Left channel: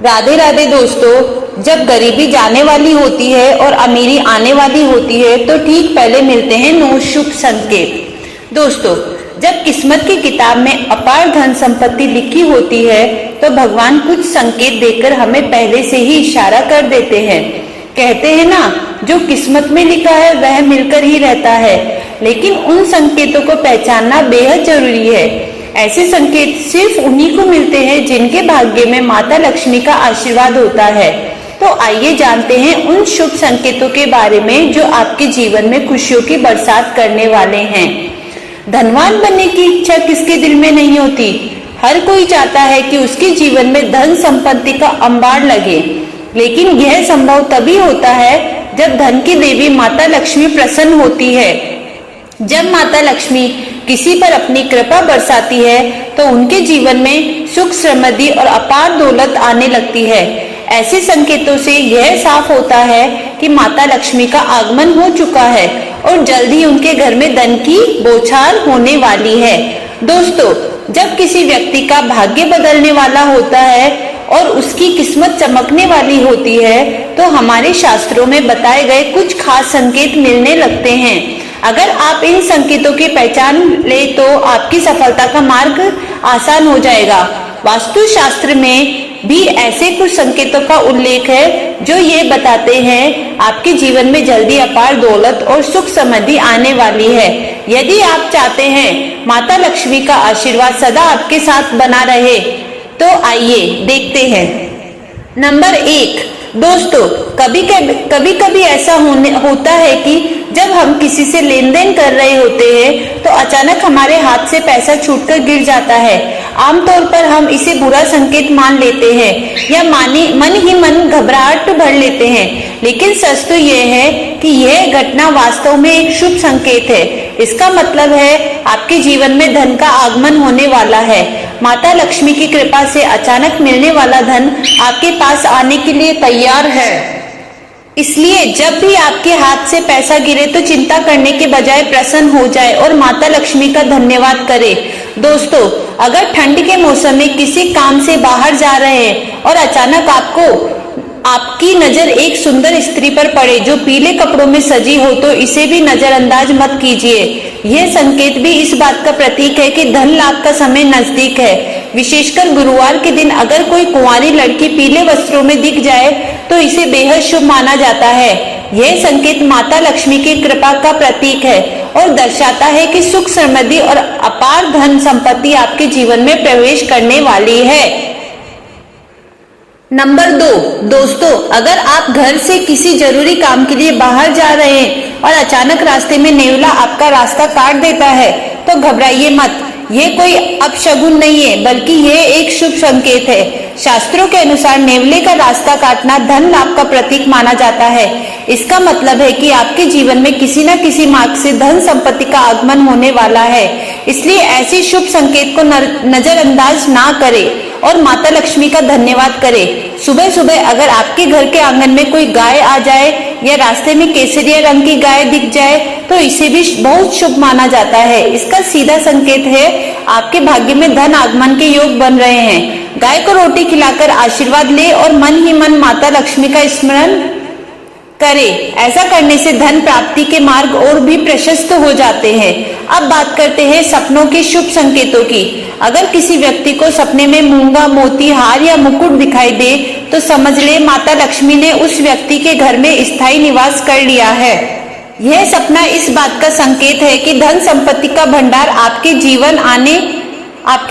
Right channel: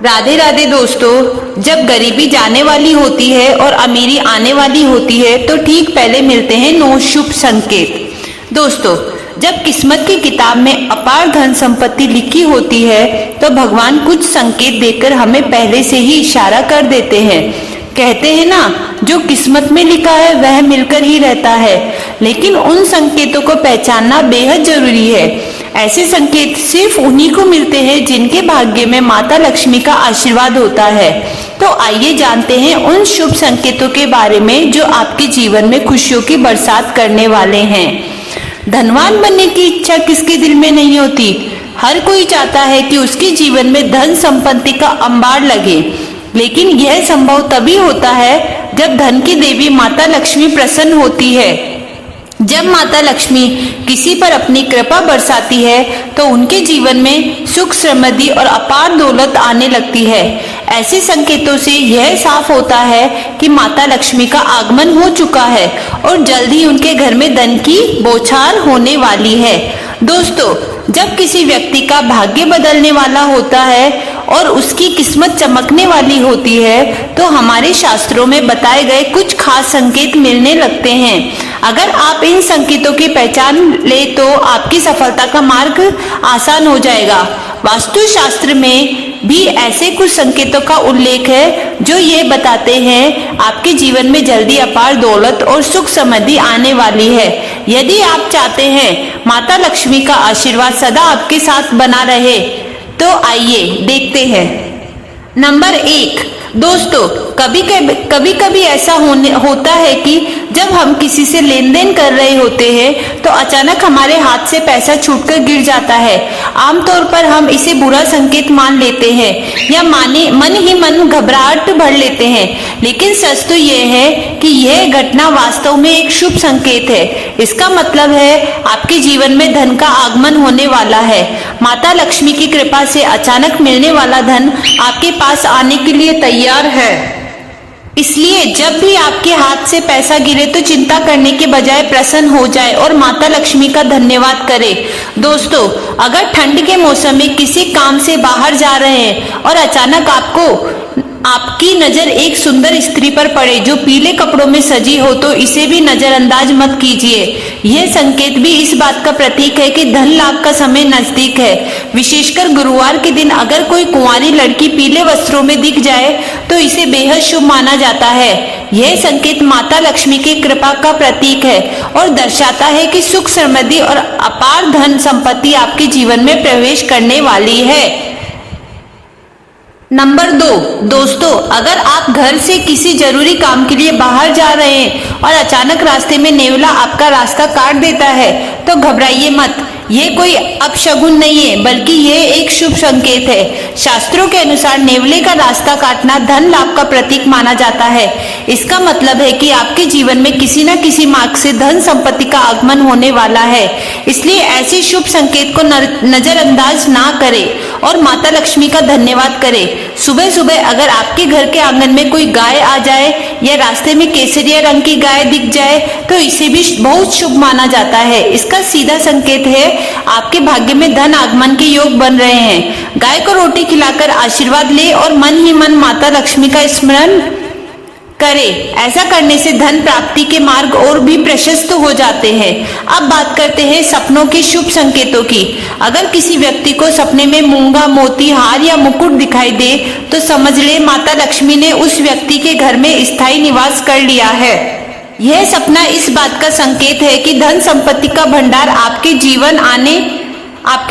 राधे राधे दोस्तों, जब गरीबी जाने वाली होती है और अमीरी आने वाली होती है तो ठीक पहले मिलते हैं 9 शुभ संकेत। दोस्तों, जब किस्मत की किताब में अपार धन संपत्ति लिखी होती है तो भगवान कुछ संकेत देकर हमें पहले से ही इशारा कर देते हैं। कहते हैं ना, जो किस्मत में लिखा है वह मिलकर ही रहता है, लेकिन उन संकेतों को पहचानना बेहद जरूरी है। ऐसे संकेत सिर्फ उन्हीं को मिलते हैं जिनके भाग्य में माता लक्ष्मी का आशीर्वाद होता है। तो आइए जानते हैं उन शुभ संकेतों के बारे में जो आपके जीवन में खुशियों की बरसात करने वाले हैं। धनवान बनने की इच्छा किसके दिल में नहीं होती। हर कोई चाहता है कि उसके जीवन में धन संपत्ति का अंबार लगे, लेकिन यह संभव तभी होता है जब धन की देवी माता लक्ष्मी प्रसन्न होती है। जब माता लक्ष्मी किसी पर अपनी कृपा बरसाती है तो उनके जीवन में सुख, समृद्धि और अपार दौलत आने लगती है। ऐसे संकेतों से यह साफ होता है कि माता लक्ष्मी का आगमन हो चुका है और जल्द ही उनके घर में धन की बौछार होने वाली है। दोस्तों, जब किसी व्यक्ति का भाग्य बदलने वाला होता है और उसकी किस्मत चमकने वाली होती है तो हमारे शास्त्रों में बताए गए कुछ खास संकेत मिलने लगते हैं। अगर आप इन संकेतों की पहचान ले तो आपकी सफलता का मार्ग आसान हो जाएगा। वास्तु शास्त्र में भी ऐसे कुछ संकेतों का उल्लेख है जो ये बताते हैं आपके जीवन में जल्दी अपार दौलत और सुख समृद्धि आने वाली है। यदि आप चाहते हैं माता लक्ष्मी का आशीर्वाद सदा आपके साथ बना रहे तो आइए देखते हैं। नंबर 1, दोस्तों, कभी कभी ऐसा होता है कि जब हम किसी से लेन देन कर रहे होते हैं तो अचानक हमारे हाथ से पैसा छूटकर गिर जाता है। आमतौर पर हम इसे बुरा संकेत मान लेते हैं या मन ही मन घबराहट भर लेते हैं, लेकिन सच तो यह है कि यह घटना वास्तव में एक शुभ संकेत है। इसका मतलब है आपके जीवन में धन का आगमन होने वाला है। माता लक्ष्मी की कृपा से अचानक मिलने वाला धन आपके पास आने के लिए तैयार है। इसलिए जब भी आपके हाथ से पैसा गिरे तो चिंता करने के बजाय प्रसन्न हो जाए और माता लक्ष्मी का धन्यवाद करें। दोस्तों, अगर ठंड के मौसम में किसी काम से बाहर जा रहे हैं और अचानक आपकी नजर एक सुंदर स्त्री पर पड़े जो पीले कपड़ों में सजी हो तो इसे भी नजरअंदाज मत कीजिए। यह संकेत भी इस बात का प्रतीक है कि धन लाभ का समय नजदीक है। विशेषकर गुरुवार के दिन अगर कोई कुंवारी लड़की पीले वस्त्रों में दिख जाए तो इसे बेहद शुभ माना जाता है। यह संकेत माता लक्ष्मी की कृपा का प्रतीक है और दर्शाता है कि सुख, समृद्धि और अपार धन संपत्ति आपके जीवन में प्रवेश करने वाली है। नंबर 2, दोस्तों, अगर आप घर से किसी जरूरी काम के लिए बाहर जा रहे हैं और अचानक रास्ते में नेवला आपका रास्ता काट देता है तो घबराइए मत। ये कोई अपशगुन नहीं है, बल्कि ये एक शुभ संकेत है। शास्त्रों के अनुसार नेवले का रास्ता काटना धन लाभ का प्रतीक माना जाता है। इसका मतलब है कि आपके जीवन में किसी न किसी मार्ग से धन संपत्ति का आगमन होने वाला है। इसलिए ऐसे शुभ संकेत को नजरअंदाज ना करें और माता लक्ष्मी का धन्यवाद करें। सुबह सुबह अगर आपके घर के आंगन में कोई गाय आ जाए या रास्ते में केसरिया रंग की गाय दिख जाए तो इसे भी बहुत शुभ माना जाता है। इसका सीधा संकेत है आपके भाग्य में धन आगमन के योग बन रहे हैं। गाय को रोटी खिलाकर आशीर्वाद ले और मन ही मन माता लक्ष्मी का स्मरण करें। ऐसा करने से धन प्राप्ति के मार्ग और भी प्रशस्त हो जाते हैं। अब बात करते हैं सपनों के शुभ संकेतों की। अगर किसी व्यक्ति को सपने में मूंगा, मोती, हार या मुकुट दिखाई दे तो समझ ले माता लक्ष्मी ने उस व्यक्ति के घर में स्थायी निवास कर लिया है। यह सपना इस बात का संकेत है कि धन संपत्ति का भंडार आपके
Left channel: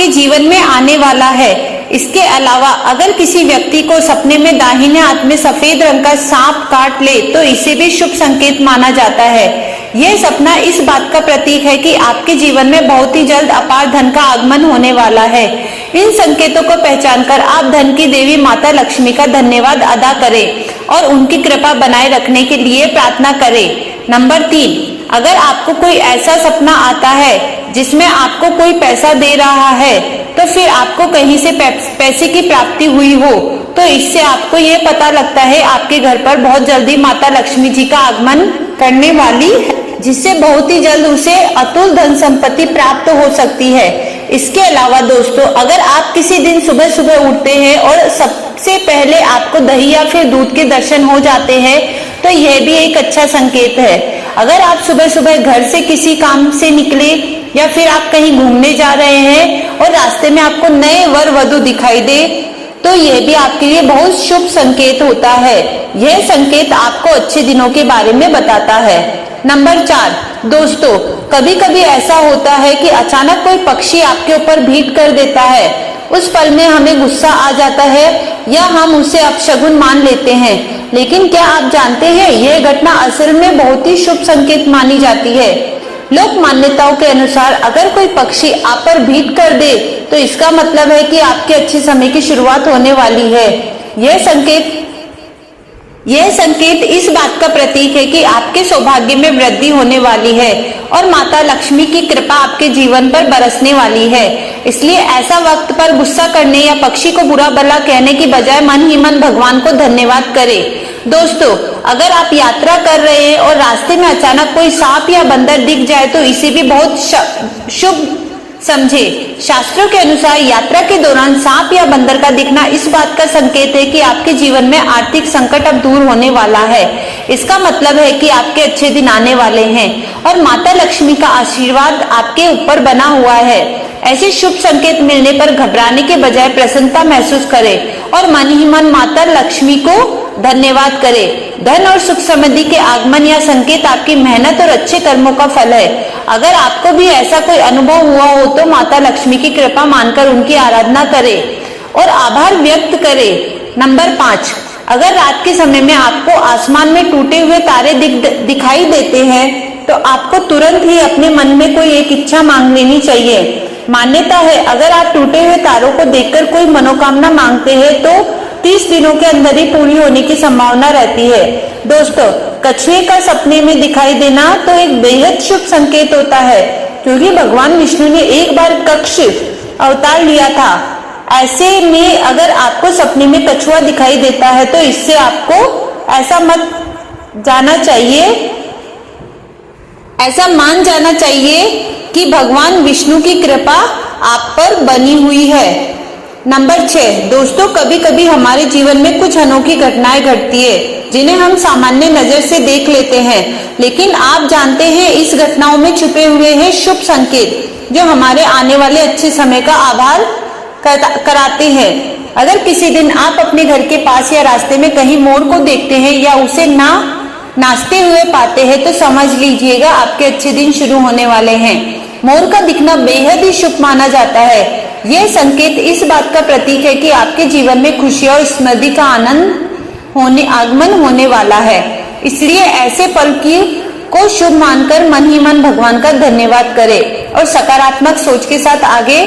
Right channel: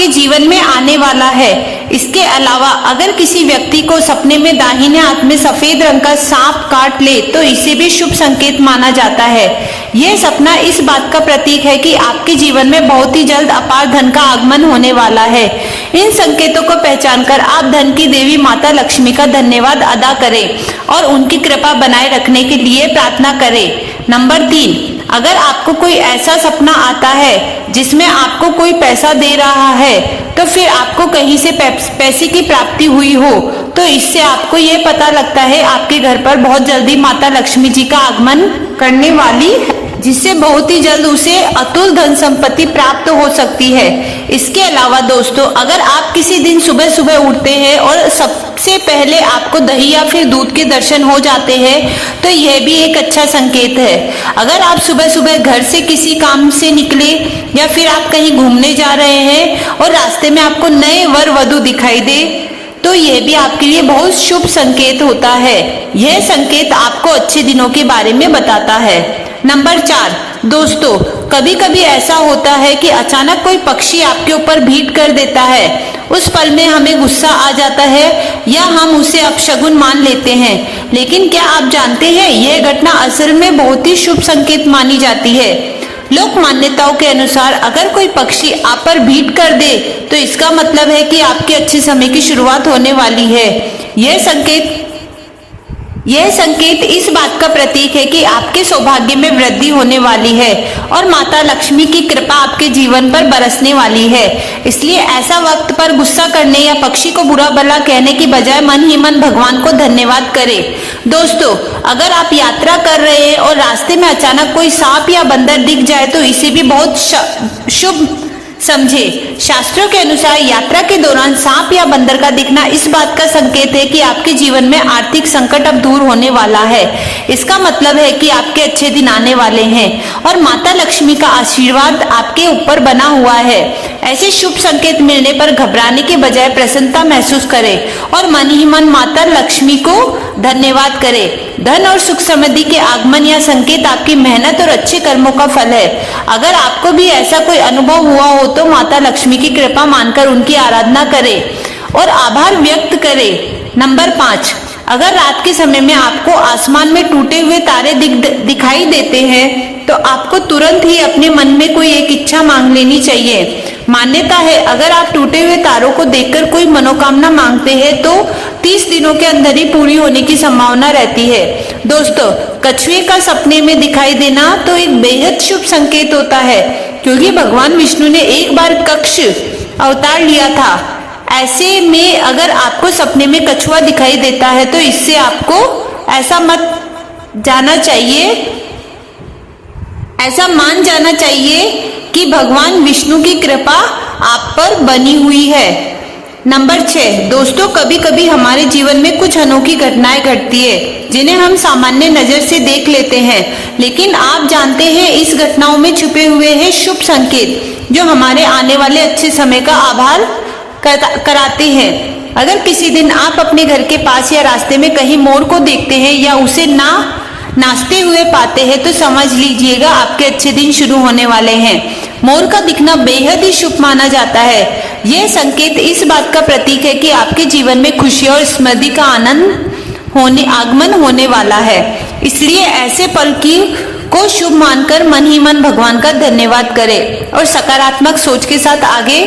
जीवन में आने वाला है। इसके अलावा अगर किसी व्यक्ति को सपने में दाहिने हाथ में सफेद रंग का सांप काट ले तो इसे भी शुभ संकेत माना जाता है। यह सपना इस बात का प्रतीक है कि आपके जीवन में बहुत ही जल्द अपार धन का आगमन होने वाला है। इन संकेतों को पहचानकर आप धन की देवी माता लक्ष्मी का धन्यवाद अदा करें और उनकी कृपा बनाए रखने के लिए प्रार्थना करें। नंबर 3, अगर आपको कोई ऐसा सपना आता है जिसमें आपको कोई पैसा दे रहा है तो फिर आपको कहीं से पैसे की प्राप्ति हुई हो तो इससे आपको ये पता लगता है आपके घर पर बहुत जल्दी माता लक्ष्मी जी का आगमन करने वाली है, जिससे बहुत ही जल्द उसे अतुल धन संपत्ति प्राप्त हो सकती है। इसके अलावा दोस्तों, अगर आप किसी दिन सुबह सुबह उठते हैं और सबसे पहले आपको दही या फिर दूध के दर्शन हो जाते हैं तो यह भी एक अच्छा संकेत है। अगर आप सुबह सुबह घर से किसी काम से निकले या फिर आप कहीं घूमने जा रहे हैं और रास्ते में आपको नए वर वधु दिखाई दे तो यह भी आपके लिए बहुत शुभ संकेत होता है। यह संकेत आपको अच्छे दिनों के बारे में बताता है। नंबर 4, दोस्तों कभी कभी ऐसा होता है कि अचानक कोई पक्षी आपके ऊपर भीट कर देता है। उस पल में हमें गुस्सा आ जाता है या हम उसे अपशगुन मान लेते हैं, लेकिन क्या आप जानते हैं यह घटना असल में बहुत ही शुभ संकेत मानी जाती है। लोक मान्यताओं के अनुसार अगर कोई पक्षी आप पर भीट कर दे तो इसका मतलब है कि आपके अच्छे समय की शुरुआत होने वाली है। यह संकेत इस बात का प्रतीक है कि आपके सौभाग्य में वृद्धि होने वाली है और माता लक्ष्मी की कृपा आपके जीवन पर बरसने वाली है। इसलिए ऐसा वक्त पर गुस्सा करने या पक्षी को बुरा भला कहने की बजाय मन ही मन भगवान को धन्यवाद करें। दोस्तों अगर आप यात्रा कर रहे हैं और रास्ते में अचानक कोई सांप या बंदर दिख जाए तो इसे भी बहुत शुभ समझे। शास्त्रों के अनुसार यात्रा के दौरान सांप या बंदर का दिखना इस बात का संकेत है कि आपके जीवन में आर्थिक संकट अब दूर होने वाला है। इसका मतलब है कि आपके अच्छे दिन आने वाले हैं और माता लक्ष्मी का आशीर्वाद आपके ऊपर बना हुआ है। ऐसे शुभ संकेत मिलने पर घबराने के बजाय प्रसन्नता महसूस करें और मन ही मन माता लक्ष्मी को धन्यवाद करें। धन और सुख समृद्धि के आगमन या संकेत आपकी मेहनत और अच्छे कर्मों का फल है। अगर आपको भी ऐसा कोई अनुभव हुआ हो तो माता लक्ष्मी की कृपा मानकर उनकी आराधना करें और आभार व्यक्त करें। नंबर 5, अगर रात के समय में आपको आसमान में टूटे हुए तारे दिखाई देते हैं तो आपको तुरंत ही अपने मन में कोई एक इच्छा मांग लेनी चाहिए। मान्यता है अगर आप टूटे हुए तारों को देखकर कोई मनोकामना मांगते हैं तो 30 दिनों के अंदर ही पूरी होने की संभावना रहती है। दोस्तों कछुए का सपने में दिखाई देना तो एक बेहद शुभ संकेत होता है, क्योंकि भगवान विष्णु ने एक बार कक्ष अवतार लिया था। ऐसे में अगर आपको सपने में कछुआ दिखाई देता है तो इससे आपको ऐसा मान जाना चाहिए कि भगवान विष्णु की कृपा आप पर बनी हुई है। नंबर 6, दोस्तों कभी कभी हमारे जीवन में कुछ अनोखी घटनाएं घटती है जिन्हें हम सामान्य नजर से देख लेते हैं, लेकिन आप जानते हैं इस घटनाओं में छुपे हुए हैं शुभ संकेत जो हमारे आने वाले अच्छे समय का आभार कराते हैं। अगर किसी दिन आप अपने घर के पास या रास्ते में कहीं मोर को देखते हैं या उसे नाचते हुए पाते हैं तो समझ लीजिएगा आपके अच्छे दिन शुरू होने वाले हैं। मोर का दिखना बेहद ही शुभ माना जाता है। यह संकेत इस बात का प्रतीक है कि आपके जीवन में खुशी और समृद्धि का आगमन होने वाला है। इसलिए ऐसे पल को शुभ मानकर मन ही मन भगवान का धन्यवाद करें और सकारात्मक सोच के साथ आगे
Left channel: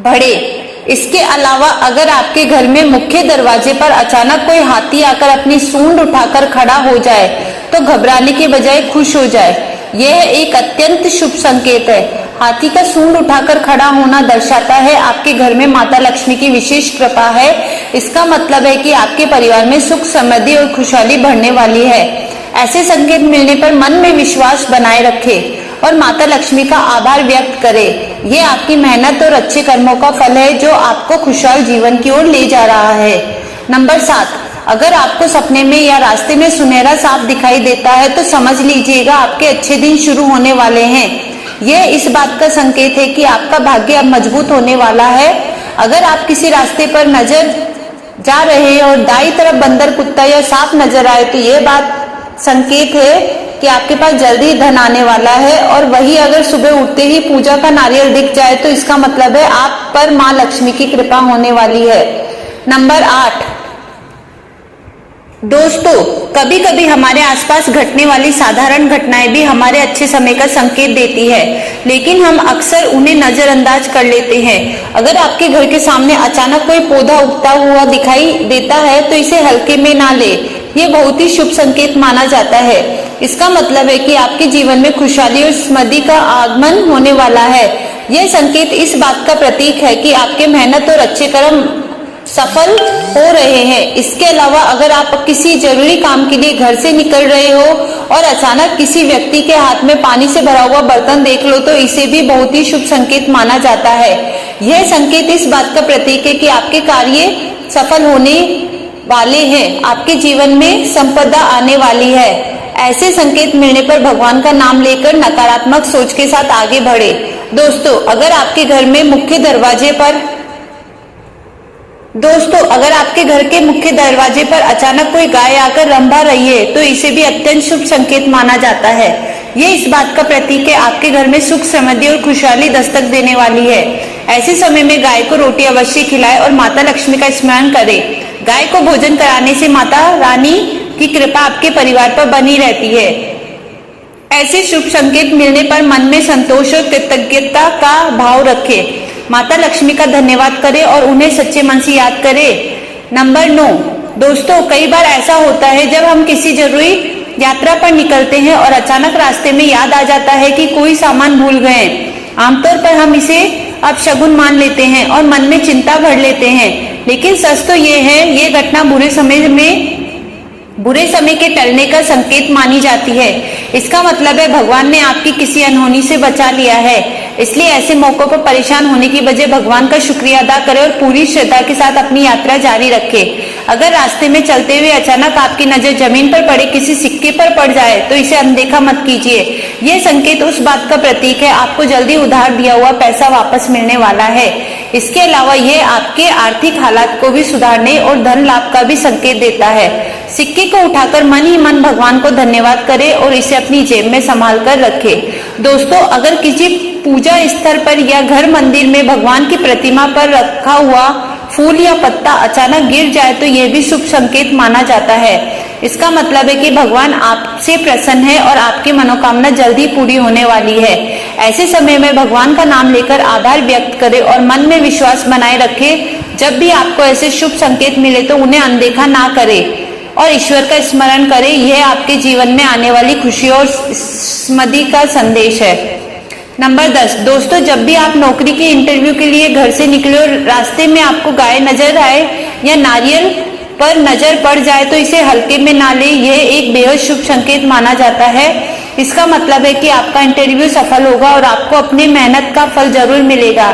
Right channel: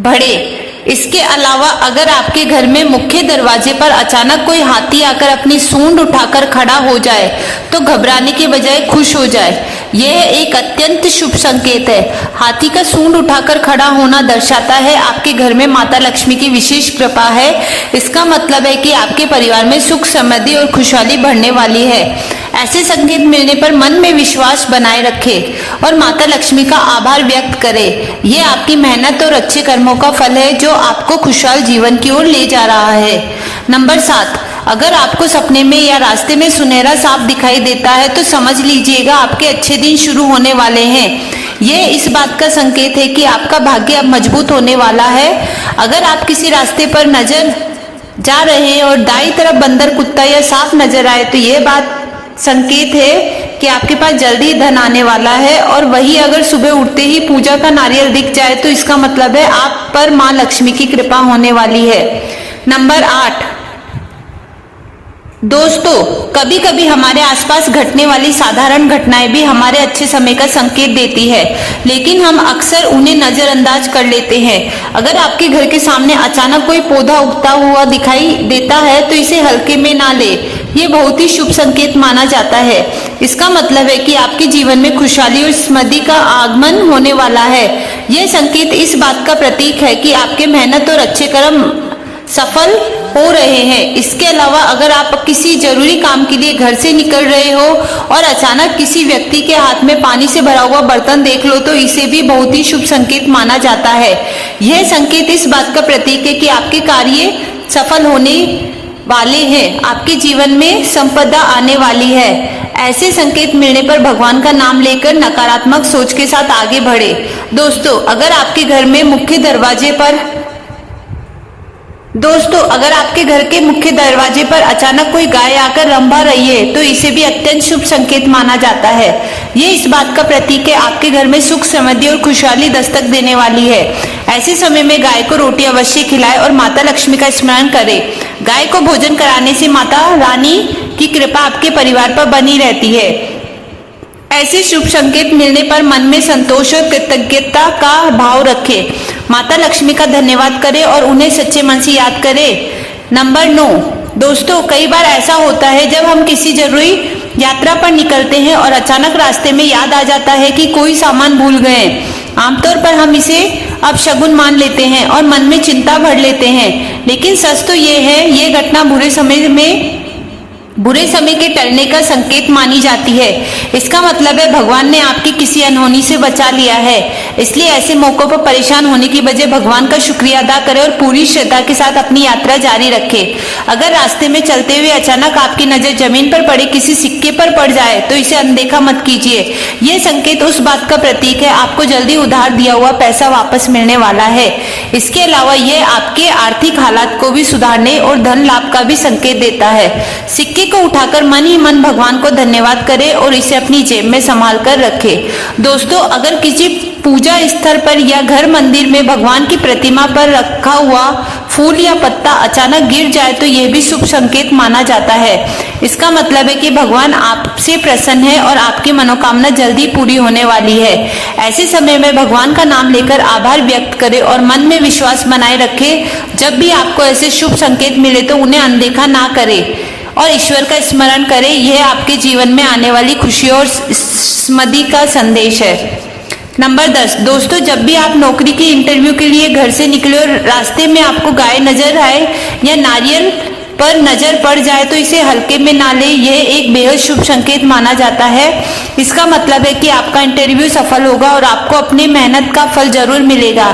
बढ़े। इसके अलावा अगर आपके घर में मुख्य दरवाजे पर अचानक कोई हाथी आकर अपनी सूंड उठाकर खड़ा हो जाए तो घबराने के बजाय खुश हो जाए। यह एक अत्यंत शुभ संकेत है। हाथी का सूंड उठाकर खड़ा होना दर्शाता है आपके घर में माता लक्ष्मी की विशेष कृपा है। इसका मतलब है कि आपके परिवार में सुख समृद्धि और खुशहाली बढ़ने वाली है। ऐसे संकेत मिलने पर मन में विश्वास बनाए रखें और माता लक्ष्मी का आभार व्यक्त करें। यह आपकी मेहनत और अच्छे कर्मों का फल है जो आपको खुशहाल जीवन की ओर ले जा रहा है। नंबर 7, अगर आपको सपने में या रास्ते में सुनहरा सांप दिखाई देता है तो समझ लीजिएगा आपके अच्छे दिन शुरू होने वाले हैं। यह इस बात का संकेत है कि आपका भाग्य अब मजबूत होने वाला है। अगर आप किसी रास्ते पर जा रहे हैं और दाईं तरफ बंदर, कुत्ता या सांप नजर आए तो यह बात संकेत है कि आपके पास जल्दी धन आने वाला है। और वही अगर सुबह उठते ही पूजा का नारियल दिख जाए तो इसका मतलब है आप पर माँ लक्ष्मी की कृपा होने वाली है। नंबर 8, दोस्तों कभी कभी हमारे आसपास घटने वाली साधारण घटनाएं भी हमारे अच्छे समय का संकेत देती है, लेकिन हम अक्सर उन्हें नजरअंदाज कर लेते हैं। अगर आपके घर के सामने अचानक कोई पौधा उगता हुआ दिखाई देता है तो इसे हल्के में ना ले। ये बहुत ही शुभ संकेत माना जाता है। इसका मतलब है कि आपके जीवन में खुशहाली और समृद्धि का आगमन होने वाला है। यह संकेत इस बात का प्रतीक है कि आपके मेहनत और अच्छे कर्म सफल हो रहे हैं। इसके अलावा अगर आप किसी जरूरी काम के लिए घर से निकल रहे हो और अचानक किसी व्यक्ति के हाथ में पानी से भरा हुआ बर्तन देख लो तो इसे भी बहुत ही शुभ संकेत माना जाता है। यह संकेत इस बात का प्रतीक है कि आपके कार्य सफल होने वाले हैं। आपके जीवन में संपदा आने वाली है। ऐसे संकेत मिलने पर भगवान का नाम लेकर नकारात्मक सोच के साथ आगे बढ़े। दोस्तों, अगर आपके घर के मुख्य दरवाजे पर अचानक कोई गाय आकर रंभा रही है तो इसे भी अत्यंत शुभ संकेत माना जाता है। ये इस बात का प्रतीक है आपके घर में सुख, समृद्धि और खुशहाली दस्तक देने वाली है। ऐसे समय में गाय को रोटी अवश्य खिलाएं और माता लक्ष्मी का स्मरण करें। गाय को भोजन कराने से माता रानी की कृपा आपके परिवार पर बनी रहती है। ऐसे शुभ संकेत मिलने पर मन में संतोष और कृतज्ञता का भाव रखें। माता लक्ष्मी का धन्यवाद करें और उन्हें सच्चे मन से याद करें। नंबर 9, दोस्तों, कई बार ऐसा होता है जब हम किसी जरूरी यात्रा पर निकलते हैं और अचानक रास्ते में याद आ जाता है कि कोई सामान भूल गए। आमतौर पर हम इसे अपशगुन मान लेते हैं और मन में चिंता भर लेते हैं, लेकिन सच तो ये है, ये घटना बुरे समय के टलने का संकेत मानी जाती है। इसका मतलब है भगवान ने आपकी किसी अनहोनी से बचा लिया है। इसलिए ऐसे मौकों पर परेशान होने की बजाय भगवान का शुक्रिया अदा करें और पूरी श्रद्धा के साथ अपनी यात्रा जारी रखें। अगर रास्ते में चलते हुए अचानक आपकी नजर जमीन पर पड़े किसी सिक्के पर पड़ जाए तो इसे अनदेखा मत कीजिए। यह संकेत उस बात का प्रतीक है आपको जल्दी उधार दिया हुआ पैसा वापस मिलने वाला है। इसके अलावा यह आपके आर्थिक हालात को भी सुधारने और धन लाभ का भी संकेत देता है। सिक्के को उठाकर मन ही मन भगवान को धन्यवाद करें और इसे अपनी जेब में संभाल कर रखें। दोस्तों, अगर किसी पूजा स्थल पर या घर मंदिर में भगवान की प्रतिमा पर रखा हुआ फूल या पत्ता अचानक गिर जाए तो यह भी शुभ संकेत माना जाता है। इसका मतलब है कि भगवान आपसे प्रसन्न है और आपकी मनोकामना जल्दी पूरी होने वाली है। ऐसे समय में भगवान का नाम लेकर आभार व्यक्त करें और मन में विश्वास बनाए रखें। जब भी आपको ऐसे शुभ संकेत मिले तो उन्हें अनदेखा ना करें और ईश्वर का स्मरण करें। यह आपके जीवन में आने वाली खुशी और समृद्धि का संदेश है। नंबर 10, दोस्तों, जब भी आप नौकरी के इंटरव्यू के लिए घर से निकले और रास्ते में आपको गाय नजर आए या नारियल पर नजर पड़ जाए तो इसे हल्के में ना ले। यह एक बेहद शुभ संकेत माना जाता है। इसका मतलब है कि आपका इंटरव्यू सफल होगा और आपको अपनी मेहनत का फल जरूर मिलेगा।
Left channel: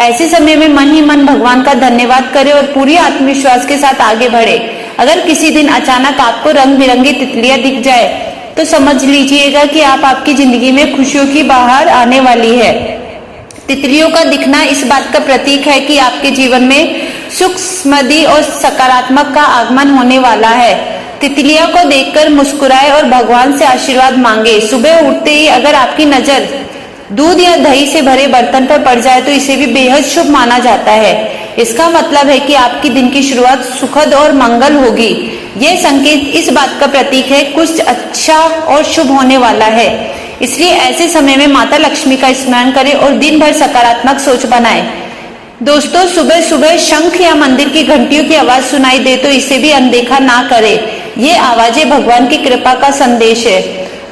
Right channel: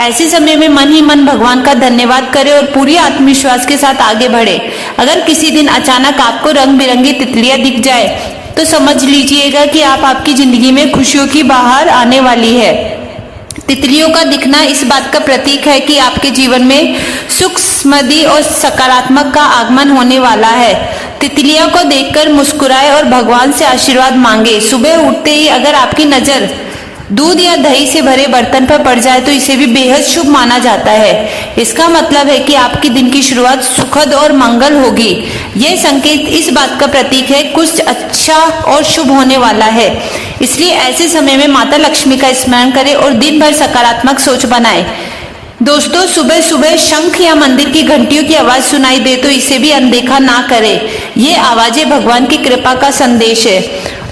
ऐसे समय में मन ही मन भगवान का धन्यवाद करें और पूरी आत्मविश्वास के साथ आगे बढ़े। अगर किसी दिन अचानक आपको रंग बिरंगी तितलियां दिख जाए तो समझ लीजिएगा कि आपकी जिंदगी में खुशियों की बहार आने वाली है। तितलियों का दिखना इस बात का प्रतीक है कि आपके जीवन में सुख, समृद्धि और सकारात्मक का आगमन होने वाला है। तितलियों को देखकर मुस्कुराए और भगवान से आशीर्वाद मांगे। सुबह उठते ही अगर आपकी नजर दूध या दही से भरे बर्तन पर पड़ जाए तो इसे भी बेहद शुभ माना जाता है। इसका मतलब है कि आपकी दिन की शुरुआत सुखद और मंगल होगी। यह संकेत इस बात का प्रतीक है कुछ अच्छा और शुभ होने वाला है। इसलिए ऐसे समय में माता लक्ष्मी का स्मरण करें और दिन भर सकारात्मक सोच बनाएं। दोस्तों, सुबह सुबह शंख या मंदिर की घंटियों की आवाज सुनाई दे तो इसे भी अनदेखा ना करें। ये आवाजें भगवान की कृपा का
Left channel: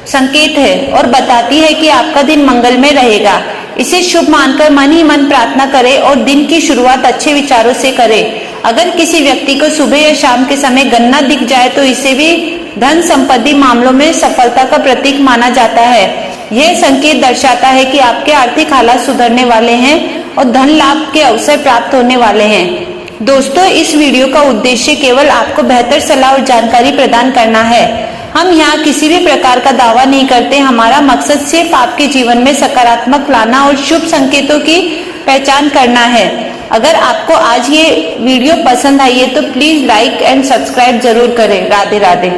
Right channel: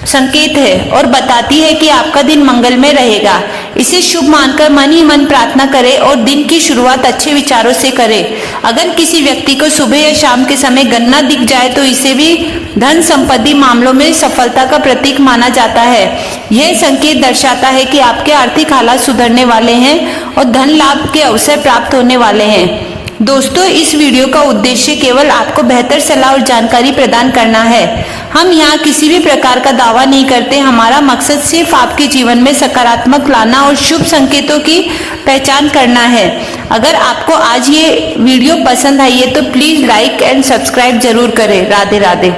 संकेत है और बताती है कि आपका दिन मंगलमय रहेगा। इसे शुभ मानकर मन ही मन प्रार्थना करें और दिन की शुरुआत अच्छे विचारों से करें। अगर किसी व्यक्ति को सुबह या शाम के समय गन्ना दिख जाए तो इसे भी धन संपत्ति मामलों में सफलता का प्रतीक माना जाता है। यह संकेत दर्शाता है कि आपके आर्थिक हालात सुधरने वाले हैं और धन लाभ के अवसर प्राप्त होने वाले हैं। दोस्तों, इस वीडियो का उद्देश्य केवल आपको बेहतर सलाह और जानकारी प्रदान करना है। हम यहाँ किसी भी प्रकार का दावा नहीं करते। हमारा मकसद सिर्फ आपके जीवन में सकारात्मक लाना और शुभ संकेतों की पहचान करना है। अगर आपको आज ये वीडियो पसंद आई है तो प्लीज लाइक एंड सब्सक्राइब जरूर करें। राधे राधे।